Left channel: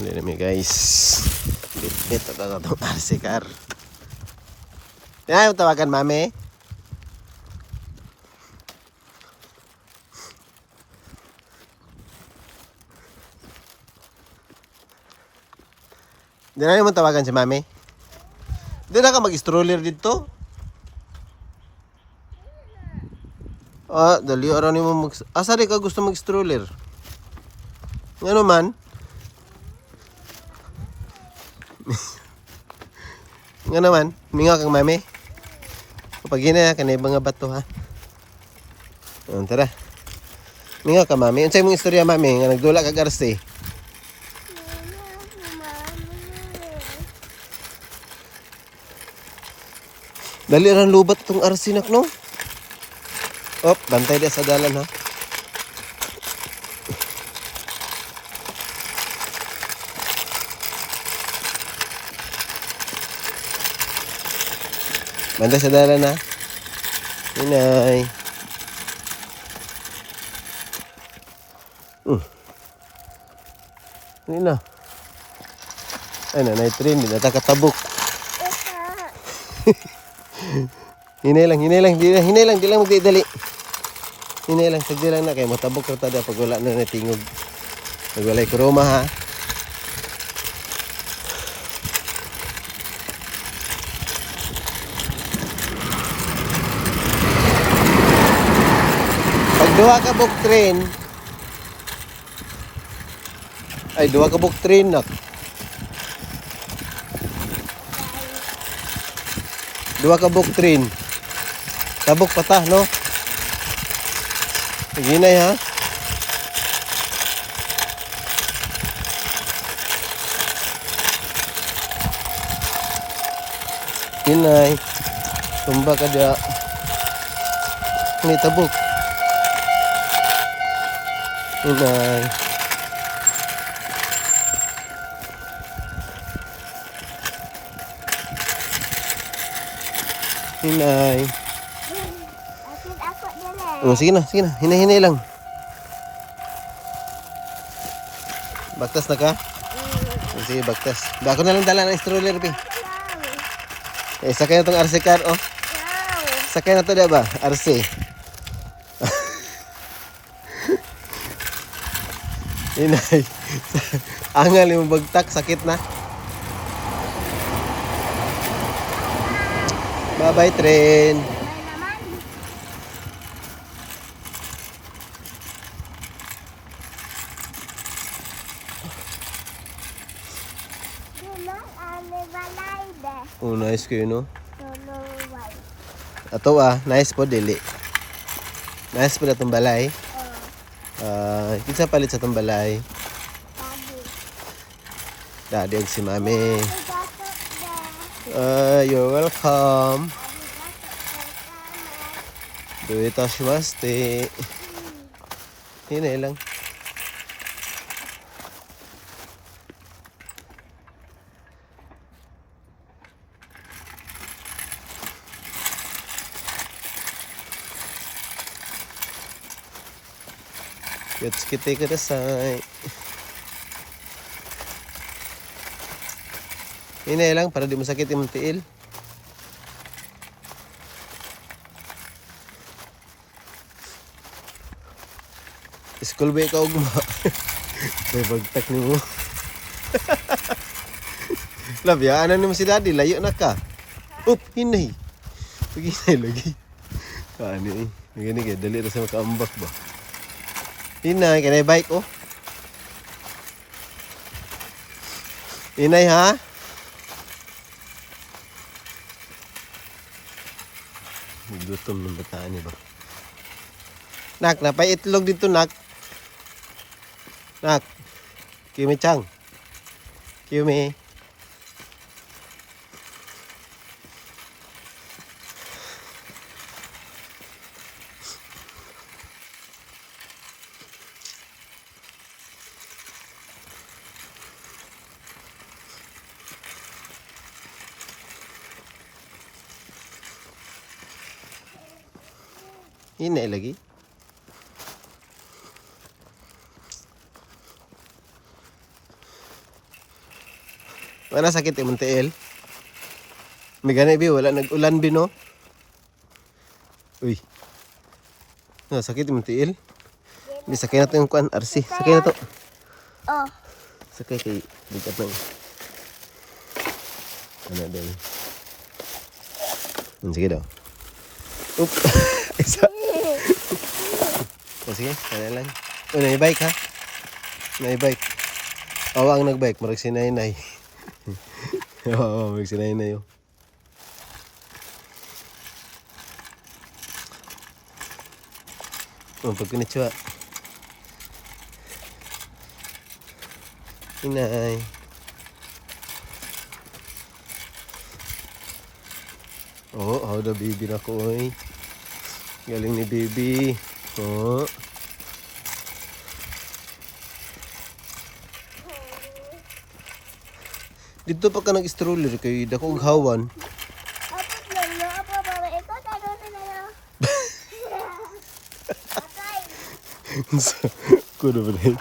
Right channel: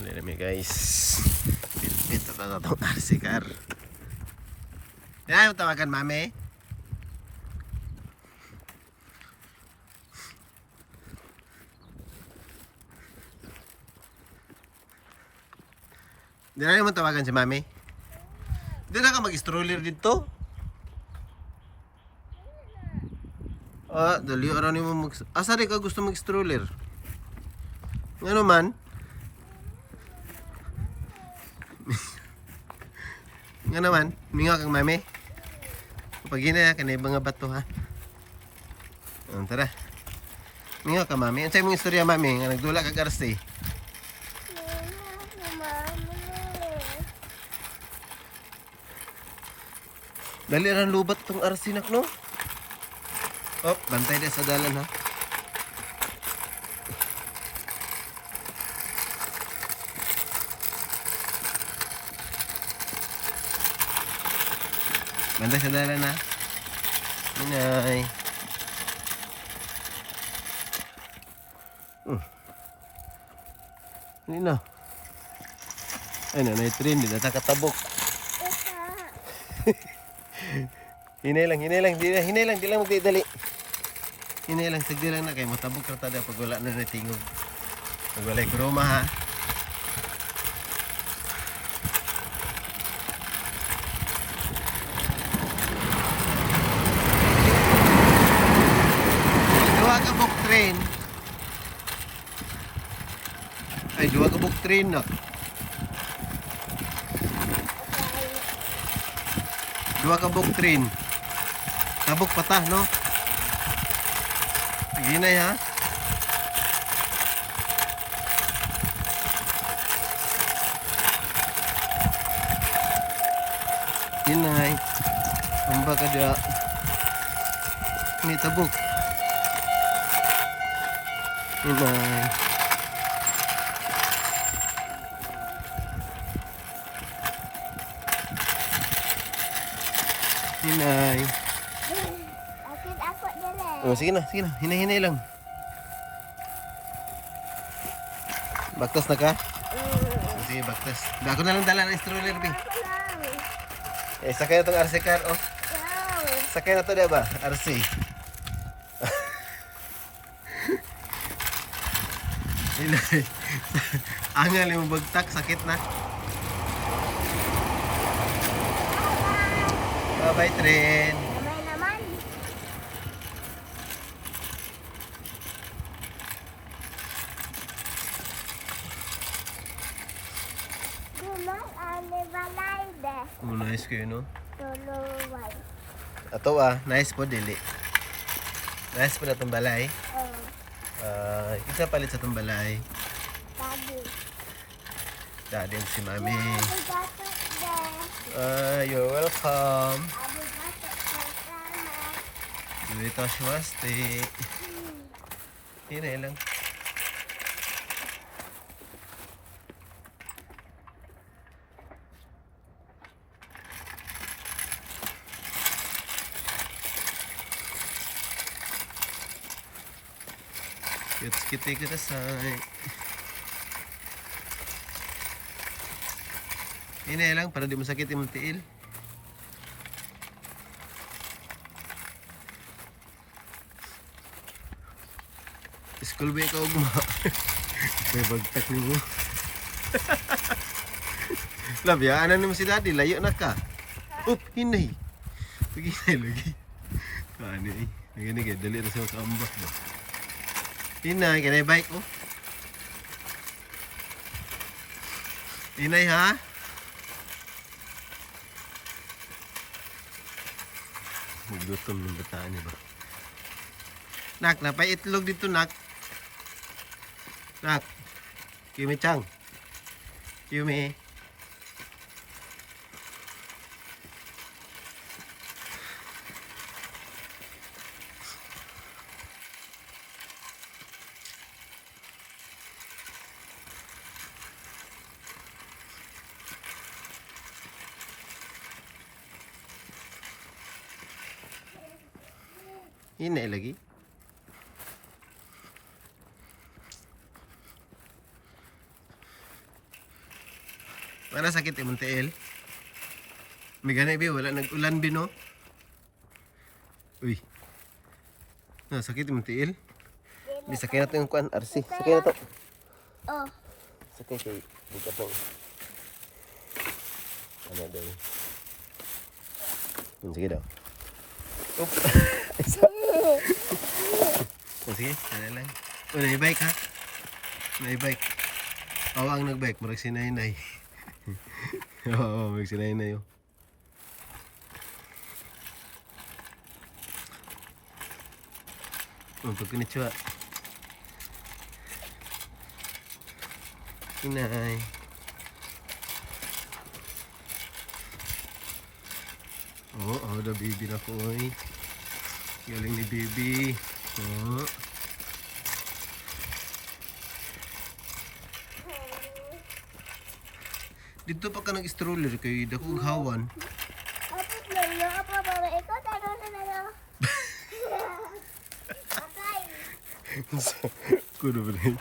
Lihat mi guys. Ito na itong RC car. Yan, tawagan mami. Di na naman tawagan si mami. Di na ka mag-stroller dito. Ah, dali araw ni mo mag... Asari ka gusto mag-stroller? Ano man? Nga naman, minga kang mami. Kapag yun na, kanay mga bato ha. Tara. Minga ka mami. Unsay mong istorya mami, nga nagdula kag RC. Dali ran lubat itong RC nak no? Oh, bantay dia sa dalan ha. Bantay sa dalan ha. Inay. Ini na. Ay na, train din natakatabok. Hinay lang, di lang magdidali. Hinay lang, sagdi lang na kay matabok ra tada pag wala na natingog. Pag walay kuruma ha. Pag duha ka buk train, ay duha ka buk train nak. Duha ka buk train. Tabok patah no. Ginay ha. Ginay. Tumba ka dia. Ni tabok. Ginay. Hinay. Ako dala. Oh, sige na. Hinay lang. Baktas na ka? Sige, baktas. Ako na lang dala ng stroller, pi. Eh, sakay na itong RC car, oh. Sakay na ito, diba? RC. Hinay. Angal yung bagtak, sakit na. Bye-bye, train. May naman. Dulang ane balay de. Oh, nice kayo, no? Tuluway. Ato nice po, dili. Nice po na itong balay. Isa palit sa itong balay. Tadi. Dadig si mami. Gato de. You're welcome. Gato salamat. Duita shumaste. Hinay lang. Yatsuki kudasai. Hinay lang para di masakit yung tiil. School ba ikaw guma? May bagtak ni mo. Labya, ano naman si daddy? Layo na ka. Up, hinay. Pag-hinay lagi. Kaano eh. Nagani kaya, dali na sa makaambak ba? Hinay, kanay bike oh. Hinay ha? Maglutom ng bataan niya ba? Nak, napay itlog dito nak. Nak. Kimi-chan. Kimi. Ini lagi. Wala sakit imong tiil. May gani bi wala nag-ulan bi no. Uy. Na sakit imong tiil. Di sakay na to yung kuan RC. Sakay na to. Oh. Sakay kay dito pa. Ano din. Sige daw. Oops. Isa. Sige, kaya lang. Oh, naibike ha? Naibike. Awang nagbike, marag sinay-nay. Oo, marag sinay-nay oh. Oh, pag pinitsua. Inay. Oh, how the baby na ko oy. Galing ni baby. Oh. Dito pa ka nag-stroller kay dako og hawan. Apa lolo? Apa bawa ikaw? Taro na na lang. Patay. Kuno ba rin?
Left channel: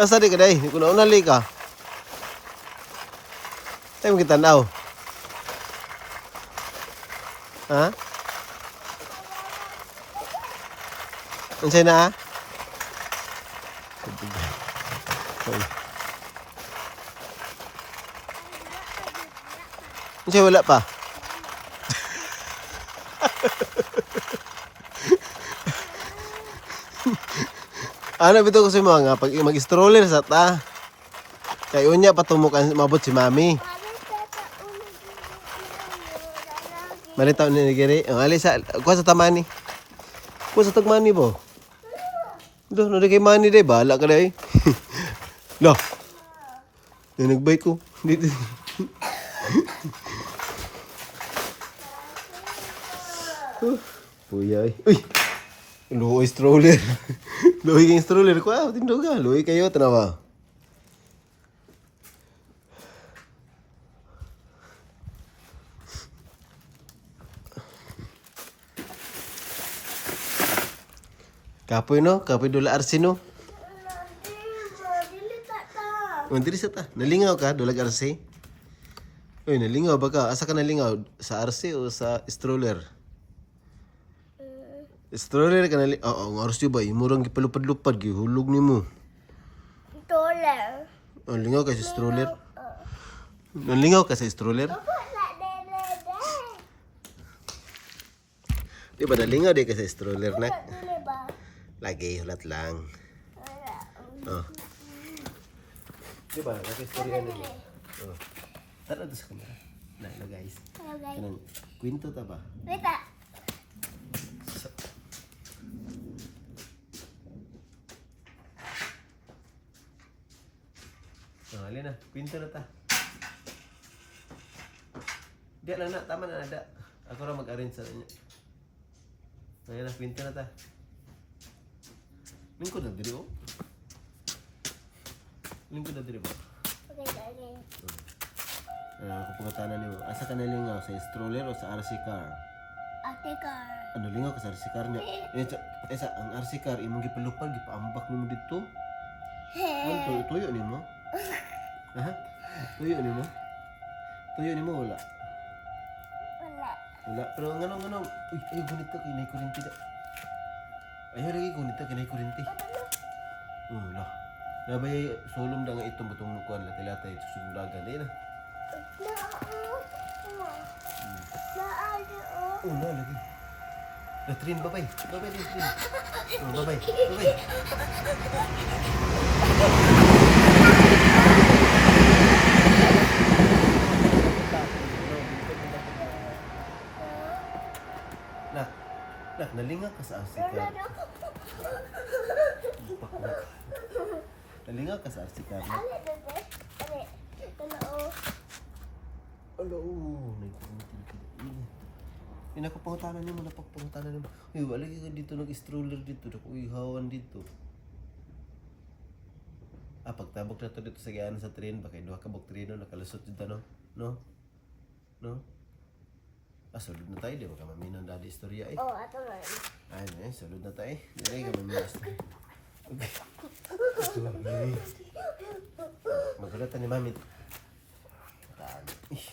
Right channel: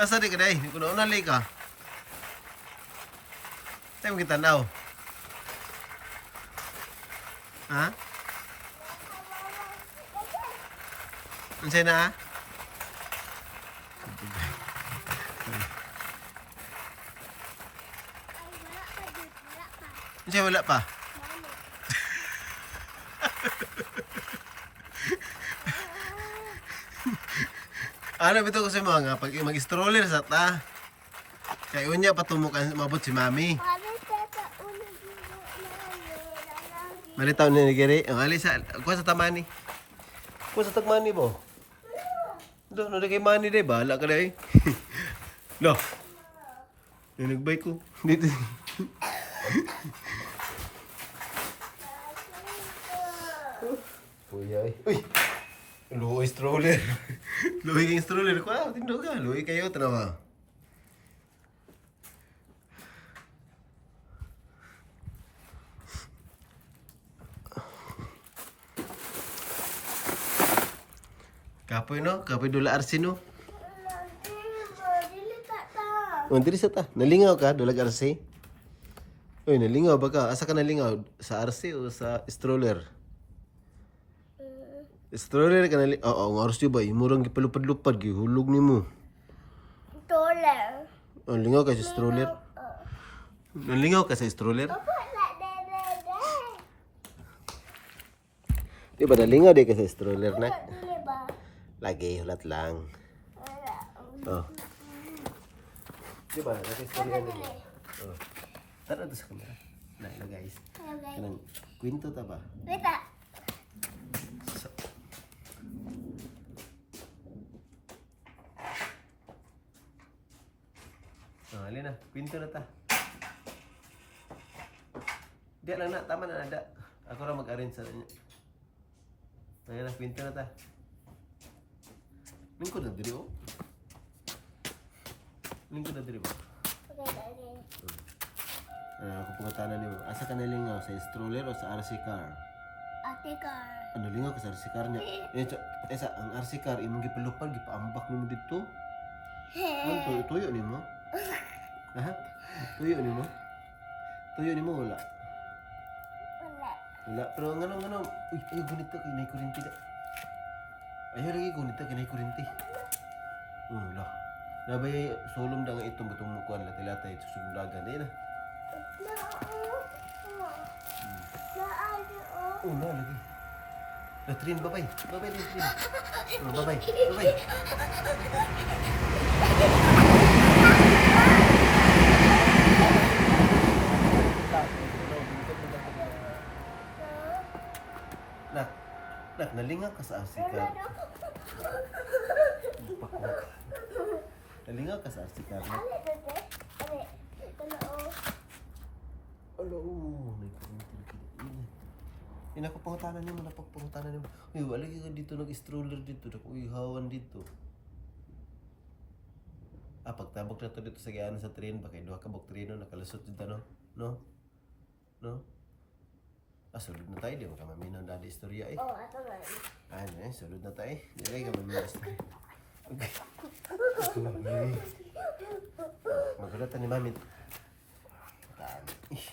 Asa di ka day? Kuno unali ka. Tayo kita tanaw. Ha? Unsay na? Unsay wala pa? Ano bito ko sa mga pag mag-stroller sa ta. Kay unya patumukan mabot si mami. Malitaw ni giri. Ang alisa, kuha sa tamani. Kuha sa tagmani bo. Do, no kay mani day bala ka day. Lo. Nagbay ko. Dito. Uy. Uy. Luoy stroller. Luoy kang stroller ko. Ah, tindog ka. Luoy kayo tanawa. Kapoy no? Kapoy dula RC no? Oh, dili sa ta. Nalingaw ka dulag RC? Uy, nalingaw ba ka? Asa ka nalingaw? Sa RC o sa stroller? Stroller ka nalingaw? Oo, ang RC ba? Imurang gipalupad-lupad, gihulog ni mo. Stroller. Oh, lingaw ka sa stroller? Nalingaw ka sa stroller? Di ba nalingaw di ka sa stroller na? Lagi, hulat lang. Oh. Di ba? Lagi stroller nila. Oh. Tara to sa kamera. Na guys. Hello guys. Kanang kwento ta ba? Wait ah. Alin na, kwento na ta. Di lang na, tama na nada. Ako ra mag-arrange sa niya. Ayan na, kwento na ta. Lingkod na diri oh. Lingkod na diri ba? Okay. Ako pangatanan nimo. Asa ka nalingaw sa stroller o sa RC car? Ate car. Ano lingaw ka sa RC car niya? Esa ang RC car imong gipalupal gipaambak nimo dito. Ano tuyo nimo? Ha? Tuyo nimo? Tuyo nimo wala. Wala. Pero ngano. Uy, ay gunito kay nay kuryente da. Ayaw lagi gunito kay nay kuryente. Wala. Nabay solom da nga itong batong kuan latay-latay susundagan din na. Na lagi. Latrin babay. Babay latrin. Oh, babay. Nak, nalingaw ka sa RC car. Nalingaw ka sa RC car. Alo, may pinakapangutanan niyo mo, napagpangutanan niyo mo. Uy, wala ka dito nag-stroller dito. Uy, hawan dito. Pagtabok na to dito sa gayaan sa train, baka duha ka bok treno, nakalusot dito, no? No? Sulod na tayo, di ba ka maminaw dadi istorya eh? Oh, ato lang. Sulod na tayo. Dili ka maminaw istorya. Magulatan ni Mami. Ih.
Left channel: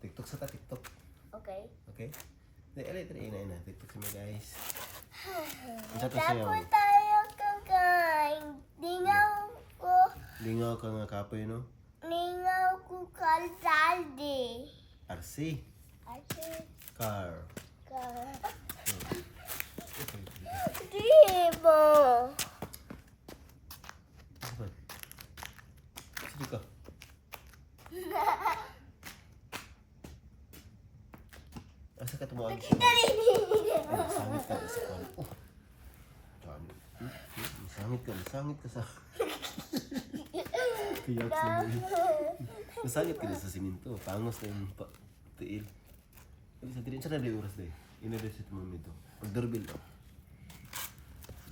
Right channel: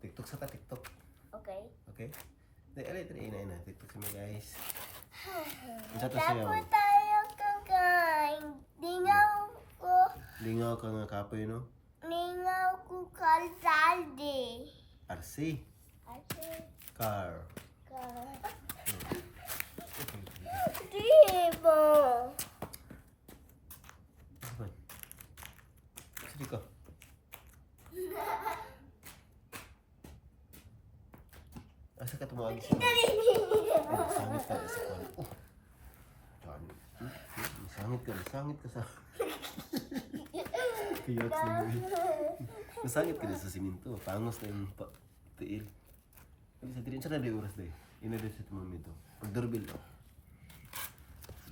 TikTok sa ka, TikTok. Okay. Okay? Dali, ina. TikTok sa mga guys. Ang sa to sayaw. Tapos tayo kakain. Lingaw ka nga kapoy, no? Ningaw ko kalsaldi. RC. Ate, Car. di mo. Saban. Sige ka. Asa ka tumawag siya? Masangit ka sa kwan. Masangit ka sa... Kaya sa masangit ka sa siminto. Tangos na yung tiil. Sabi sa tirin, siya na oras dahil. Inadas sa timami ito. Pag-doorbell daw.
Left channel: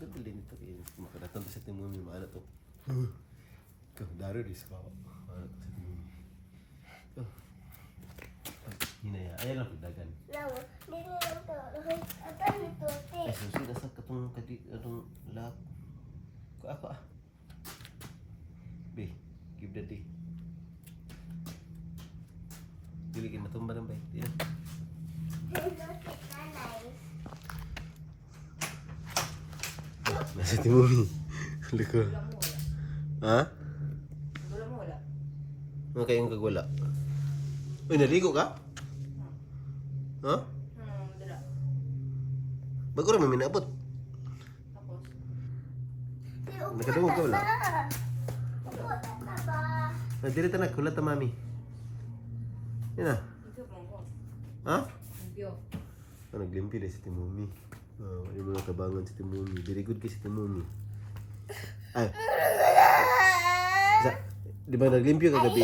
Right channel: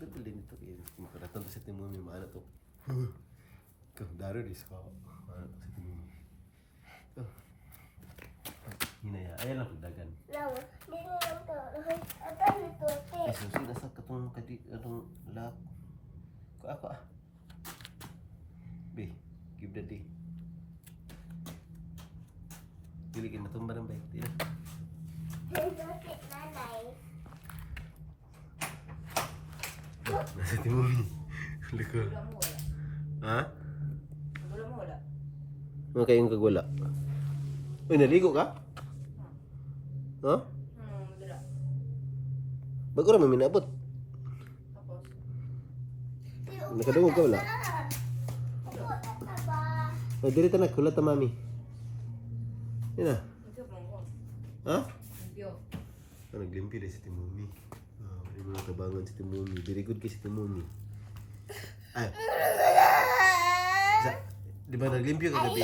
Doorbell din ito. Makaratan to sa timami. Maana to. Ikaw, daro rin ka. Maana to sa timami. Ikaw. Hinaya. Ayan lang pagdagan. Lawa, di lang to. Ito nito, te. Ay, susi, nasa katong lak. Ako ah. Be, give the day. Dili kayo matumba ng bike. Di na. Nasa timumi. Liko. Ha? Ano kayong kagwala? Uy, naligo ka? Ha? Dala. Bago rin may minabot. Tapos, Nakadungog ka wala? Ah, dili ta kulat ta mami. Yan na. ito pang ko. Ha? Limpyo. Ah, naglimpyo din si Timumi. Ah, wala mo nakabangan si Timumi. Very good kay si Timumi. Ay. Di ba naglimpyo kagabi?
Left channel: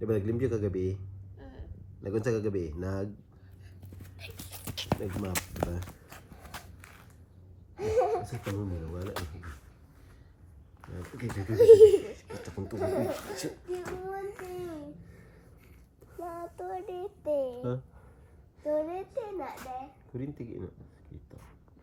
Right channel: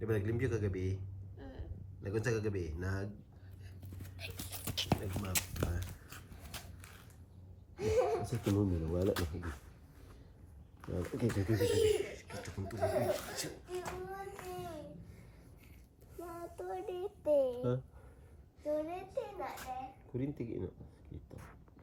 Di ba naglimpyo kagabi? Nagunsa kagabi? Nagmap, diba? Sa Timumi, wala na kagabi. Okay. Kita pun tunggu. Turite. Ha? Turite nak deh. Kurinti kita.